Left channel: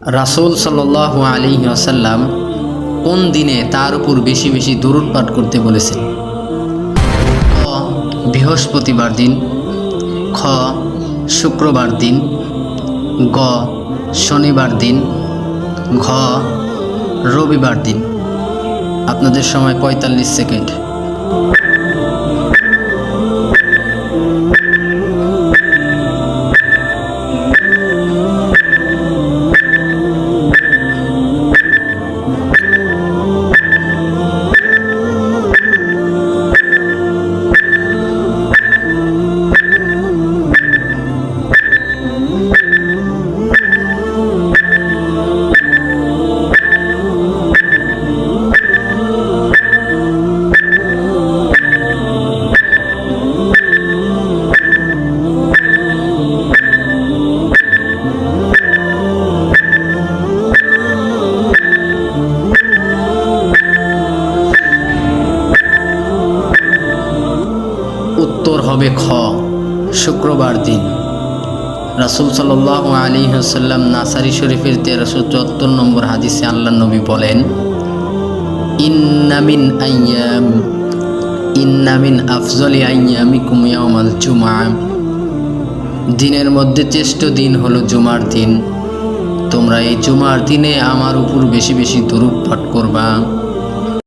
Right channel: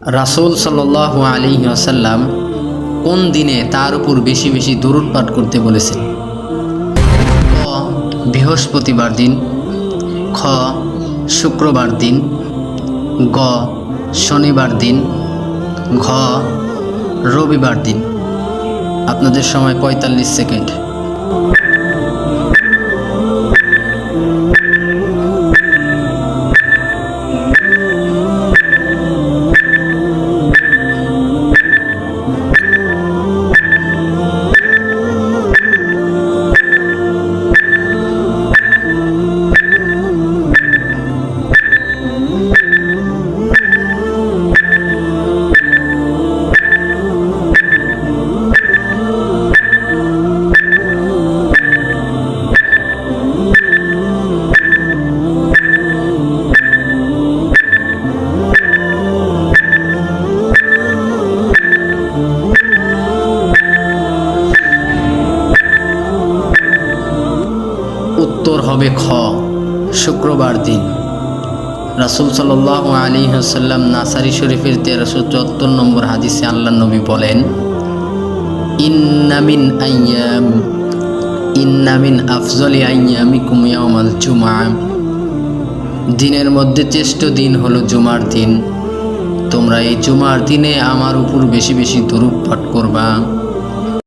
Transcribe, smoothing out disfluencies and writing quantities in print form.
রাসূল সাল্লাল্লাহু আলাইহি ওয়াসাল্লাম কোন দিনে তার উপর বেশি বেশি দুরূদ পাঠ করতে বলেছেন? ক বৃহস্পতিবার দিন, খ শুক্রবার দিন, গ শনিবার দিন, ঘ রবিবার দিন। আপনাদের সময় ৪৫ সেকেন্ড। উত্তর হবে খ শুক্রবার দিন। রাসূল সাল্লাল্লাহু আলাইহি ওয়াসাল্লাম নাসাই শরীফের ১৩৭৪ নম্বর হাদিসে আল্লাহর নবী বলেন, ইন্না মিন আফজলি আইয়ামিকুম ইয়াউমাল জুমআহ, দিনের মধ্যে শ্রেষ্ঠ দিন হলো জুমার দিন। তোমরা এই জুমার দিনে আমার উপর বেশি বেশি দুরূদ পাঠ করবা।